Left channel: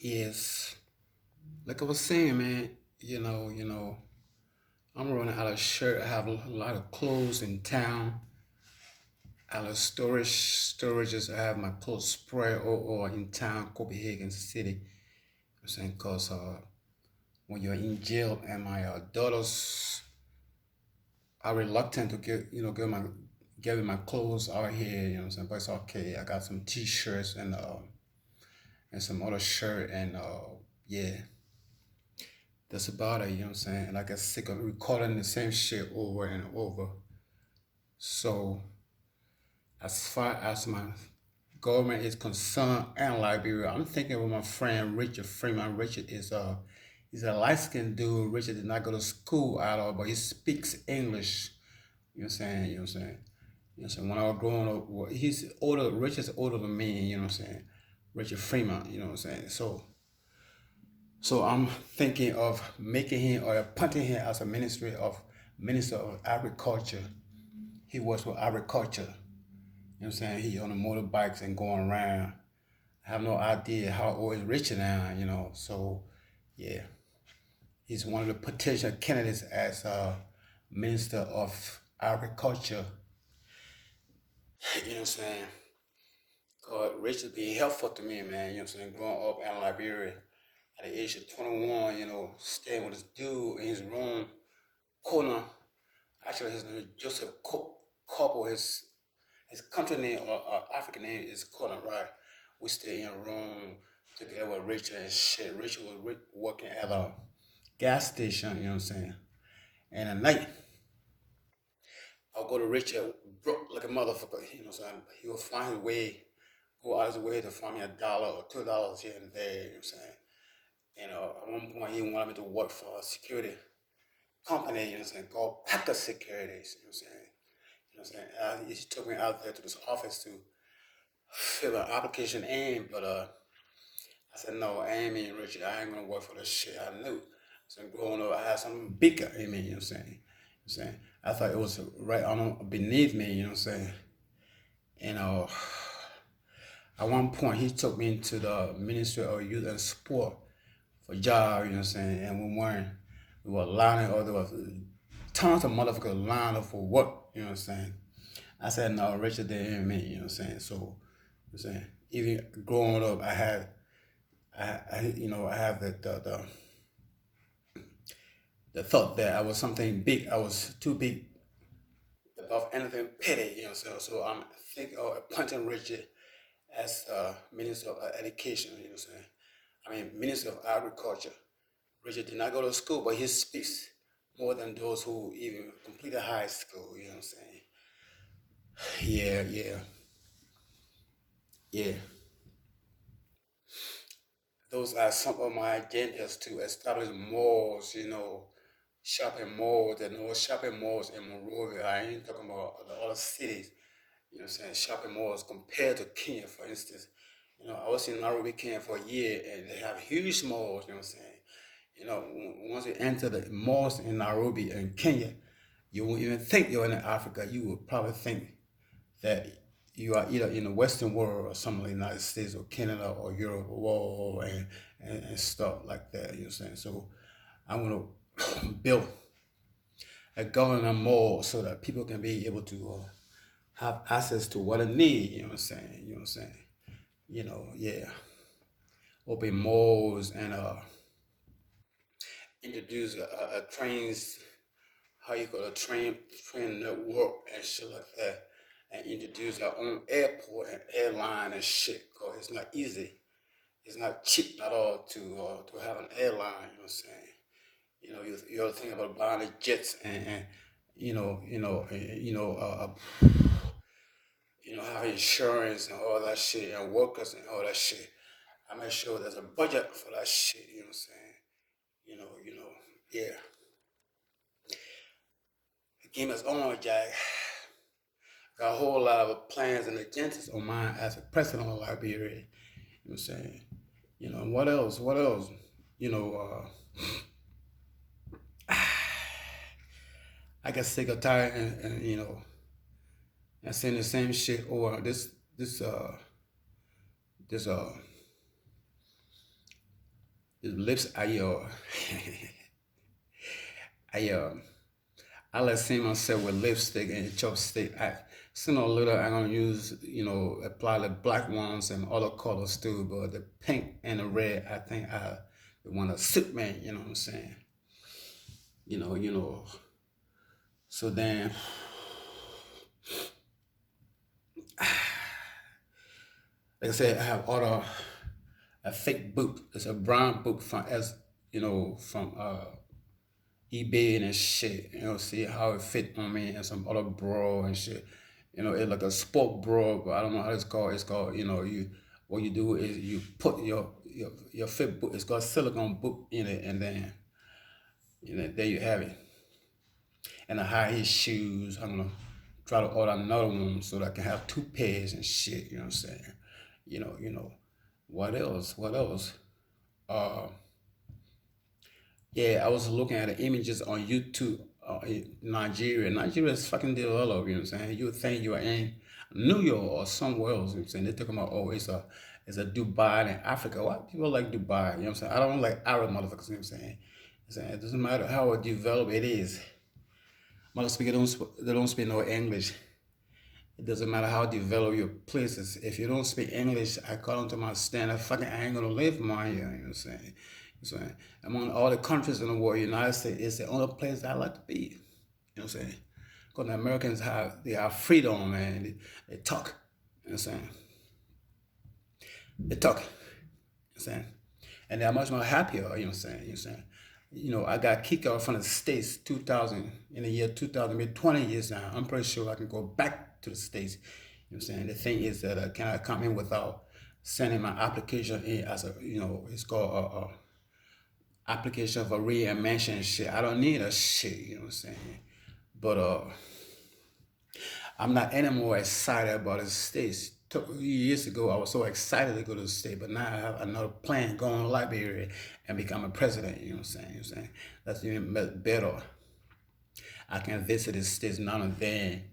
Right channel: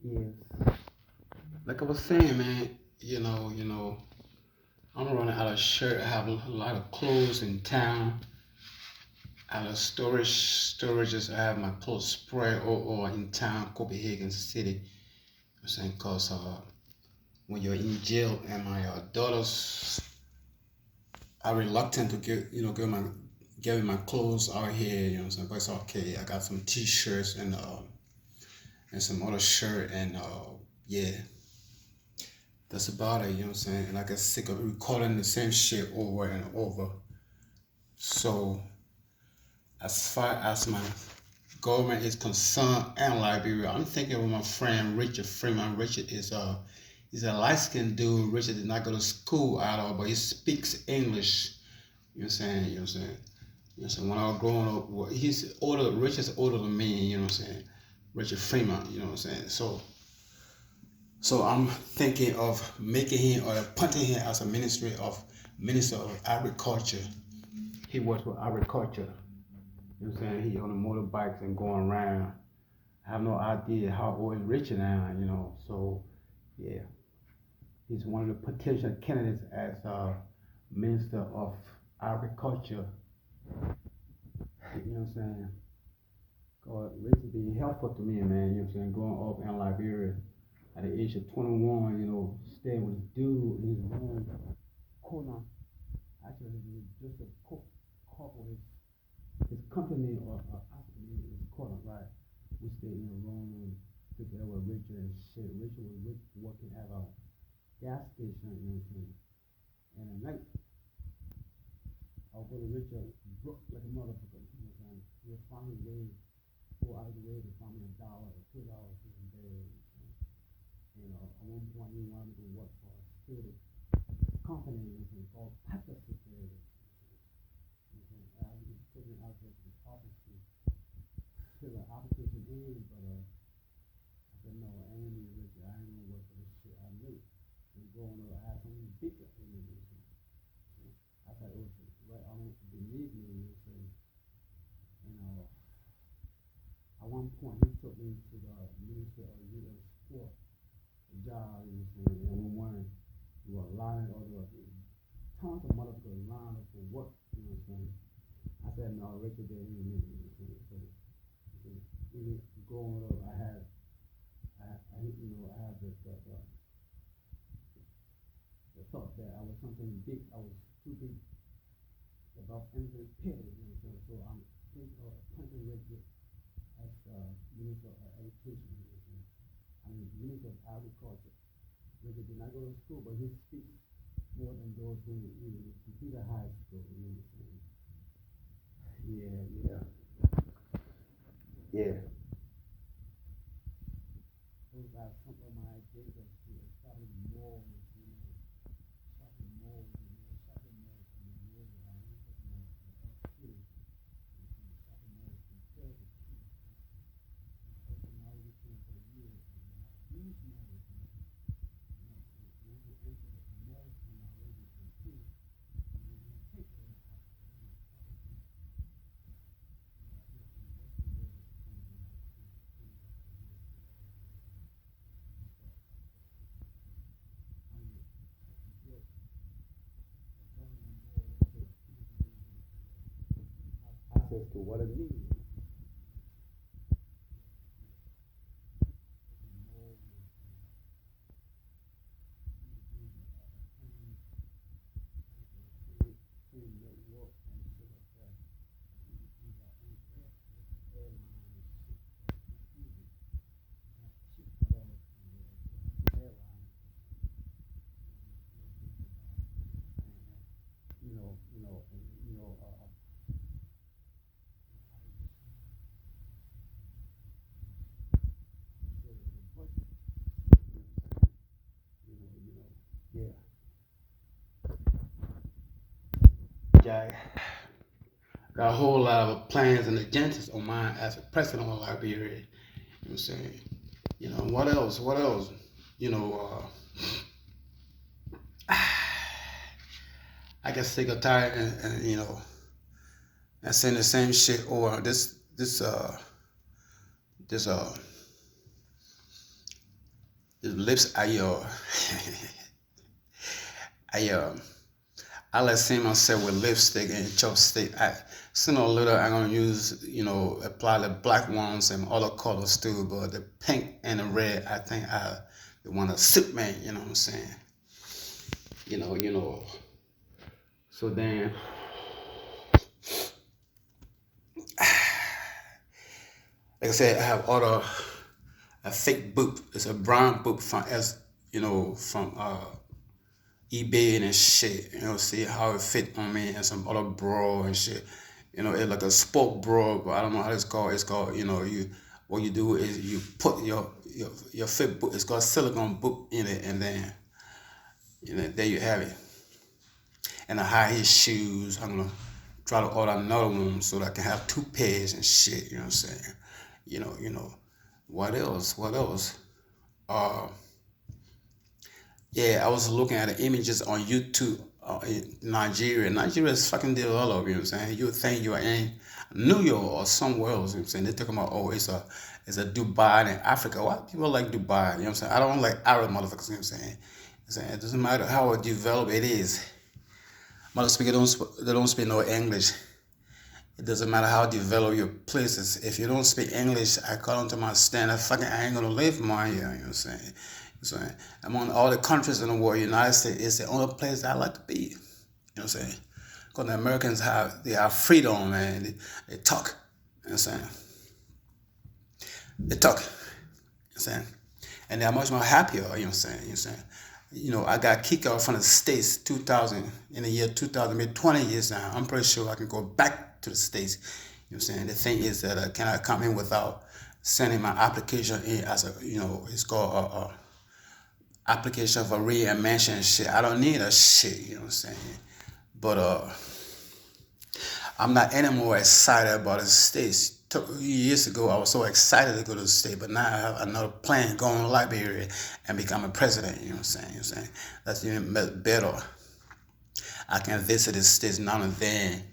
Yes, like I was saying, man. I'm running out of shirt. I have a lot of clothes in town. Out of storages. I have my clothes spread all in town, Copenhagen City. I'm saying, cause when you're in jail, and my daughters are reluctant to give me my clothes out here. You know what I'm saying? But it's okay. I got some t-shirts and some other shirt and yeah, that's about it. You know what I'm saying? And I get sick of recording the same shit over and over. So as far as my government is concerned and Liberia, I'm thinking of my friend Richard Freeman. Richard is he's a light skinned dude. Richard did not go to school at all, but he speaks English. You know what I'm saying? You know what I'm saying? You know what I'm saying? When I was growing up, well, he's older. Richard's older than me. You know what I'm saying? Richard Freeman. You know what I'm saying? So I'm thinking of making him or appointing him as a minister of agriculture. He works with agriculture. You know what I'm saying? He on the motorbikes and going around. I have no idea how old is Richard now, So yeah, he's one of the potential candidates as Minister of Agriculture. You know what I'm saying? God, Richard being helpful to me, man. You know what I'm saying? Growing up in Liberia at the age of 21, staying with this dude in his room, corner. Actually, his name is Joseph Couple. His country name or African name is Corner, right? We stay in a room together with Richard and shit. Richard was working at a gas station, you know what I'm saying? And at night, I'll go to Richard, broke like a motherfucker, you know what I'm saying? He will find his way, go out of his way to find me $1 or $2 here and there, you know what I'm saying? At one point, he wanted me to work for a security company, you know what I'm saying, called Packer Securities, you know what I'm saying? You know what I'm saying? He took me out there to this office to fill an application in, but I said, no, I ain't mean Richard. I ain't gonna work for this shit. I knew. So growing up, I had something bigger in me, you know what I'm saying? I thought it was right on beneath me, you know what I'm saying? And at one point, he took me into the Ministry of Youth and Sport for job, you know what I'm saying? And we were lining up, there was tons of motherfuckers lining up for work, you know what I'm saying? I said, no, Richard, they ain't me, you know what I'm saying? So, you know what I'm saying? Even growing up, I have the thought that I was something big. I was too big above anything petty, you know. So I'm thinking of appointing Richard as Minister of Education, you know what I'm saying? I mean, Minister of Agriculture. Richard did not go to school, but he speaks more than those who even completed high school, you know what I'm saying? Yeah, yeah, yeah. Those are some of my agendas to establish malls, shopping malls and all shopping malls in Monrovia. I ain't talking about the other cities, you know what I'm saying? Shopping malls compared to Kenya, for instance. I was in Nairobi, Kenya for a year and they have huge malls, you know what I'm saying? Once you enter the malls in Nairobi and Kenya, you won't even think you're in Africa. You would probably think that you are either in the Western world or some of the United States or Canada or Europe or and stuff like that. You know what I'm saying? So I'm gonna build a government mall so that people can be able to have access to what they need. You know what I'm saying? You know what I'm saying? Yeah. Open malls and introduce a trains, how you call a train network and shit like that, and introduce our own airport and airline and shit. Cause it's not easy. It's not cheap at all to have an airline. You know what I'm saying? You got to think about buying the jets and have insurance and all that shit and workers and all that shit. I make sure there's a budget for that shit. You know what I'm saying? Yeah. The game is on, Jack. Got a whole lot of plans and agendas on mine as a president of Liberia. You know what I'm saying? What else? What else? You know, I get sick or tired and saying the same shit or this The lips, I like seeing myself with lipstick and chopstick. Sooner or later I'm gonna use, apply the black ones and other colors too. But the pink and the red, I think I want to suit me. You know what I'm saying? You know. So then, like I said, I have other a fake boot. It's a brown boot from from eBay and shit. See how it fit on me and some other bra and shit. It's like a sport bra, but I don't know how it's called. It's called, you what you do is you put your fit boot. It's got silicone boot in it, and then there you have it. And the high heel shoes. I'm gonna try to order another one so that I can have two pairs and shit. You know what I'm saying? What else? What else? Uh, Yeah, I was looking at the images on YouTube in Nigeria. Nigeria is fucking developed, you know what I'm saying? You would think you are in New York or somewhere else, you know what I'm saying? They're talking about, oh, it's a Dubai in Africa. Why people like Dubai? You know what I'm saying? I don't like Arab motherfuckers, you know what I'm saying? It doesn't matter how developed it is. They don't speak no English. It doesn't matter how developed your place is. If you don't speak English, I call them to my stand. I ain't gonna live my here. You know what I'm saying? So among all the countries in the world, United States is the only place that I like to be. You know what I'm saying? Because the Americans have freedom, man. They talk. You know what I'm saying? They talk. You know what I'm saying? And they're much more happier. You know what I'm saying? You know what I'm saying? I got kicked out from the States in the year 2000, maybe 20 years now. I'm pretty sure I can go back to the States. You know what I'm saying? The thing is that can I come in without sending my application in as it's called application for readmission shit. I don't need a shit, you know what I'm saying? But I'm not anymore excited about the States. Years ago, I was so excited to go to the state, but now I have another plan going to Liberia and become a president. You know what I'm saying? You know what I'm saying? That's even better. I can visit the states now and then,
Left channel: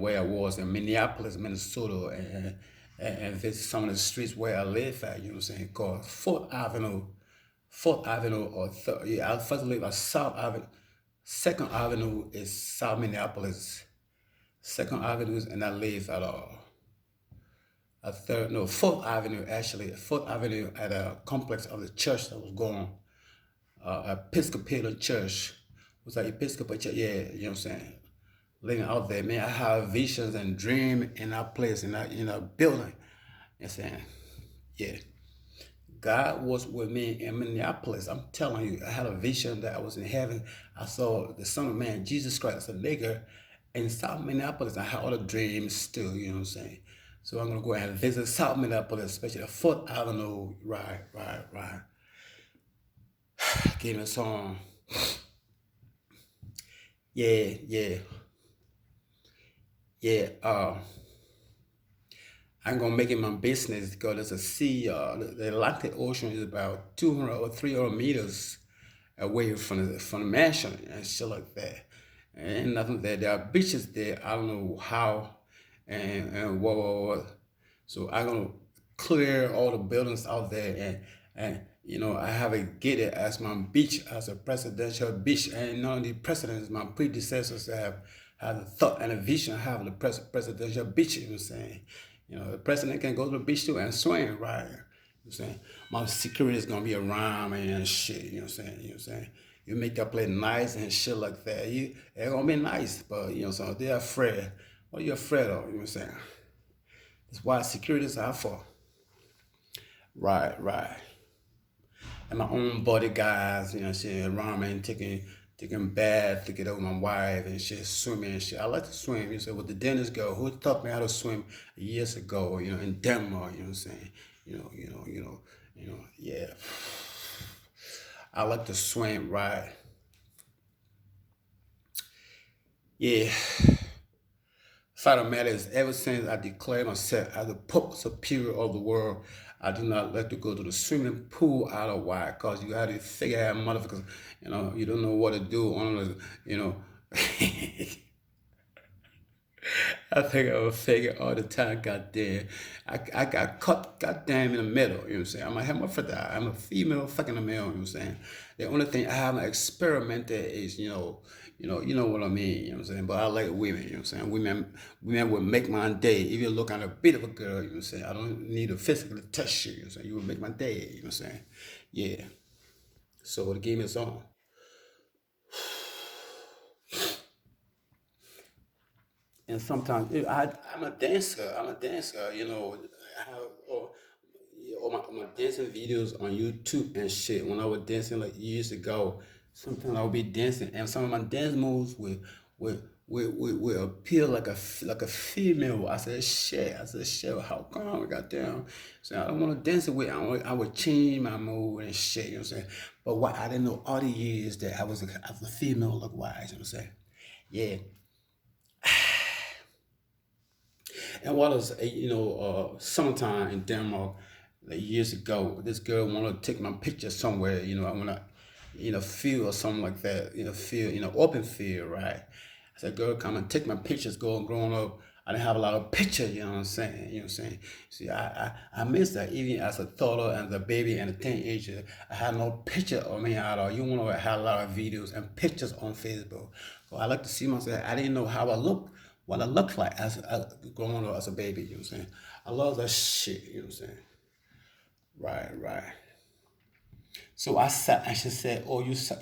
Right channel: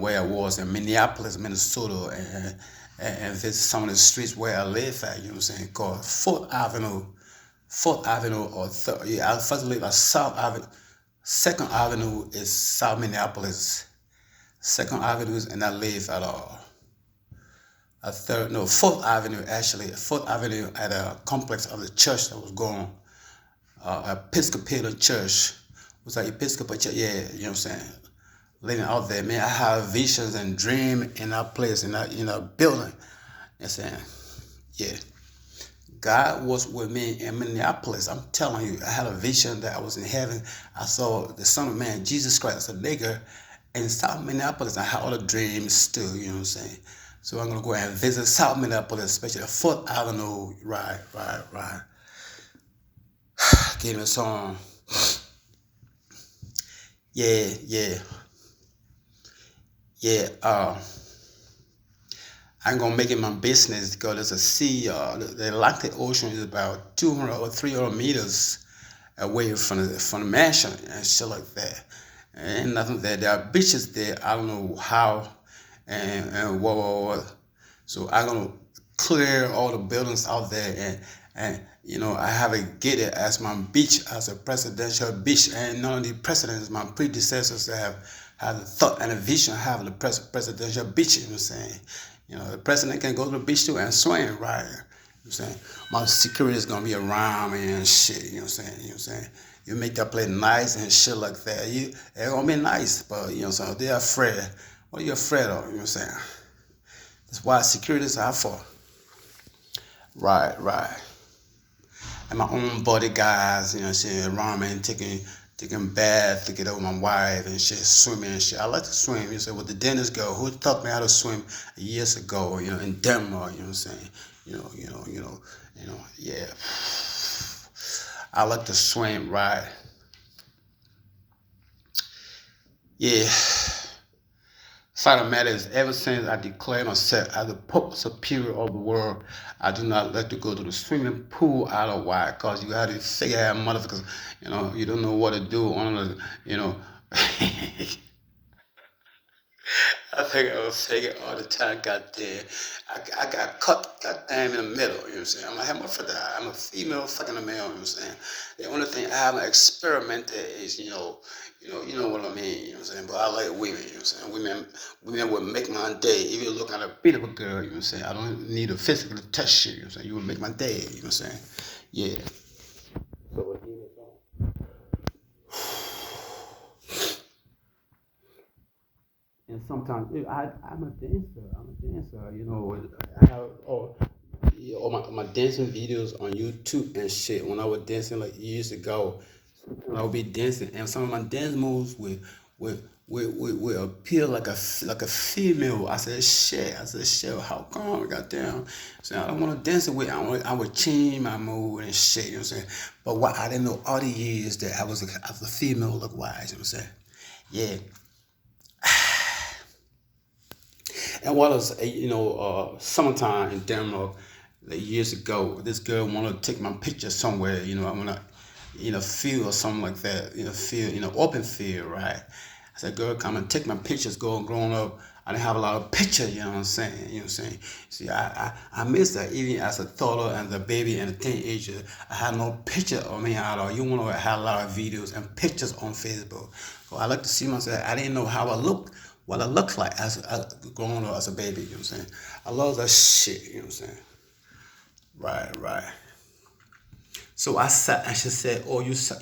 where I was in Minneapolis, Minnesota, and visit some of the streets where I live at. You know what I'm saying? Called Fourth Avenue or I first live at South Avenue. Second Avenue is South Minneapolis. Second Avenue, and I live at Fourth Avenue actually. Fourth Avenue at a complex of the church that was going, Episcopalian church. Was that Episcopal church? Yeah, you know what I'm saying. Living out there, man. I have visions and dream in that place, in that building. You know what I'm saying? Yeah. God was with me in Minneapolis. I'm telling you, I had a vision that I was in heaven. I saw the Son of Man, Jesus Christ, a nigger, in South Minneapolis. I had all the dreams still, you know what I'm saying? So I'm going to go ahead and visit South Minneapolis, especially the 4th Avenue. Right. Give me a song. Yeah. I'm gonna make it my business because there's a sea. The Atlantic Ocean is about 200 or 300 meters away from the mansion and shit like that. And nothing there. There are beaches there. I don't know how and what. So I'm gonna clear all the buildings out there and I have it gated as my beach, as a presidential beach. And none of the presidents, my predecessors, have had the thought and a vision of having a presidential beach. You know what I'm saying? The president can go to the beach too and swim, right? You know what I'm saying? My security is gonna be around me and shit. You know what I'm saying? You know what I'm saying? You make that place nice and shit like that. They're gonna be nice, but so they're afraid. What are you afraid of? You know what I'm saying? That's why security is out for. Right. And my own bodyguards, around me and taking bath to get over my wife and shit, swimming and shit. I like to swim. With the dentist girl who taught me how to swim years ago, in Denmark, you know what I'm saying? Yeah. I like to swim, right? Yeah. Fact of the matter is, ever since I declared myself as the Pope Superior of the world, I do not like to go to the swimming pool out of why, because you got to figure out motherfuckers, you don't know what to do on the, I think I was faggot all the time, goddamn. I got cut goddamn in the middle, you know what I'm saying? I'm a hermaphrodite. I'm a female fucking a male, you know what I'm saying? The only thing I haven't experimented is, you know what I mean, you know what I'm saying? But I like women, you know what I'm saying? Women will make my day. If you look at a beautiful girl, you know what I'm saying? I don't need to physically touch you, you know what I'm saying? You will make my day, you know what I'm saying? Yeah. So the game is on. And sometimes I'm a dancer. I'm a dancer. You know, I have all my dancing videos on YouTube and shit. When I was dancing like years ago, sometimes I would be dancing, and some of my dance moves would appear like a female. I said shit. How come? Goddamn. So I don't want to dance with. I would change my mood and shit. You know what I'm saying? But what I didn't know all the years that I was a female look wise. You know what I'm saying? Yeah. And what was summertime in Denmark, like years ago, this girl wanted to take my picture somewhere. I wanna, field or something like that. Field, open field, right? I said, girl, come and take my pictures. Growing up, I didn't have a lot of pictures. You know what I'm saying? You know what I'm saying? See, I missed that even as a toddler and a baby and a teenager. I had no picture of me at all. You want to have a lot of videos and pictures on Facebook. So I like to see myself. I didn't know how I looked, what I looked like as growing up as a baby. You know what I'm saying? I love that shit. You know what I'm saying? Right, right. So I sat and she said, "Oh, you said,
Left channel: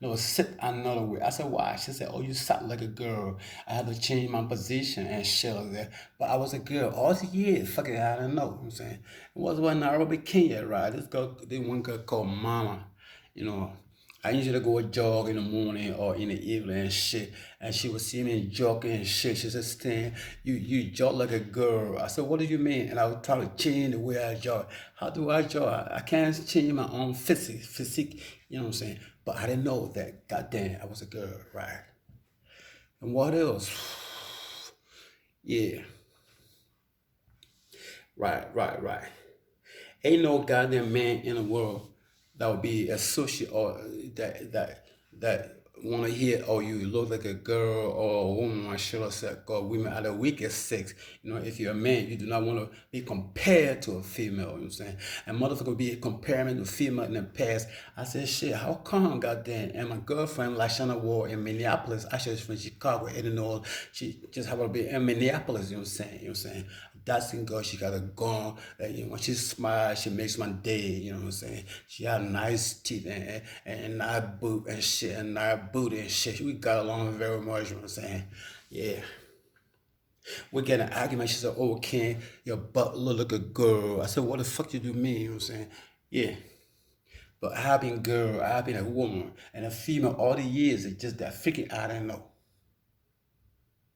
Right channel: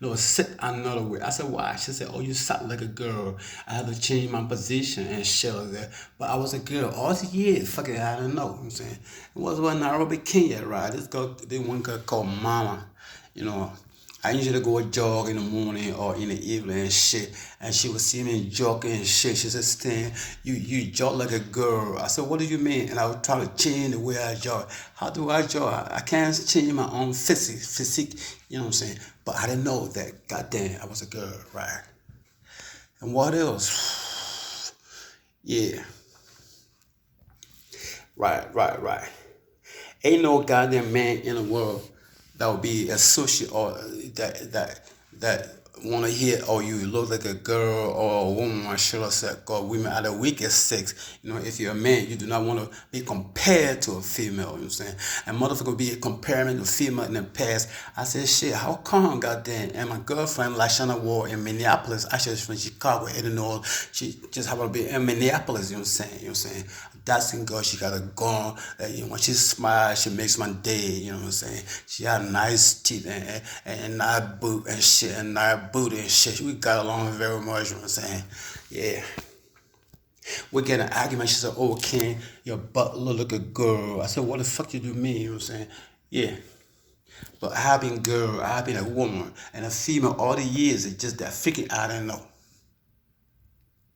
no, sit another way." I said, "Why?" She said, "Oh, you sat like a girl. I had to change my position and shit like that." But I was a girl all the years. Fucking, I don't know. You know what I'm saying? It was when Nairobi, Kenya, right? This one girl called Mama. You know, I usually go jog in the morning or in the evening and shit. And she would see me jogging and shit. She said, "Stan, you jog like a girl." I said, "What do you mean?" And I would try to change the way I jog. How do I jog? I can't change my own physique, you know what I'm saying? But I didn't know that, goddamn, I was a girl, right? And what else? Yeah, right. Ain't no goddamn man in the world that would be associate or that want to hear, "Oh, you look like a girl or a woman," or should I say, "God, women are the weakest sex." If you're a man, you do not want to be compared to a female. You know what I'm saying? And motherfucker be comparing to female in the past. I said, shit, how come, goddamn? And my girlfriend, Lashana Ward in Minneapolis, actually she's from Chicago, Illinois. She just happened to be in Minneapolis. You know what I'm saying? You know what I'm saying? Dancing girl, she got a gun. When she smiles, she makes my day. You know what I'm saying? She had nice teeth and nice boot and shit and nice booty and shit. We got along very much. You know what I'm saying? Yeah. We get an argument. She said, "Oh, Ken, your butt look like a girl." I said, "What the fuck you do mean?" You know what I'm saying? Yeah. But I have been girl, I have been a woman and a female all the years. It's just that freaking I don't know.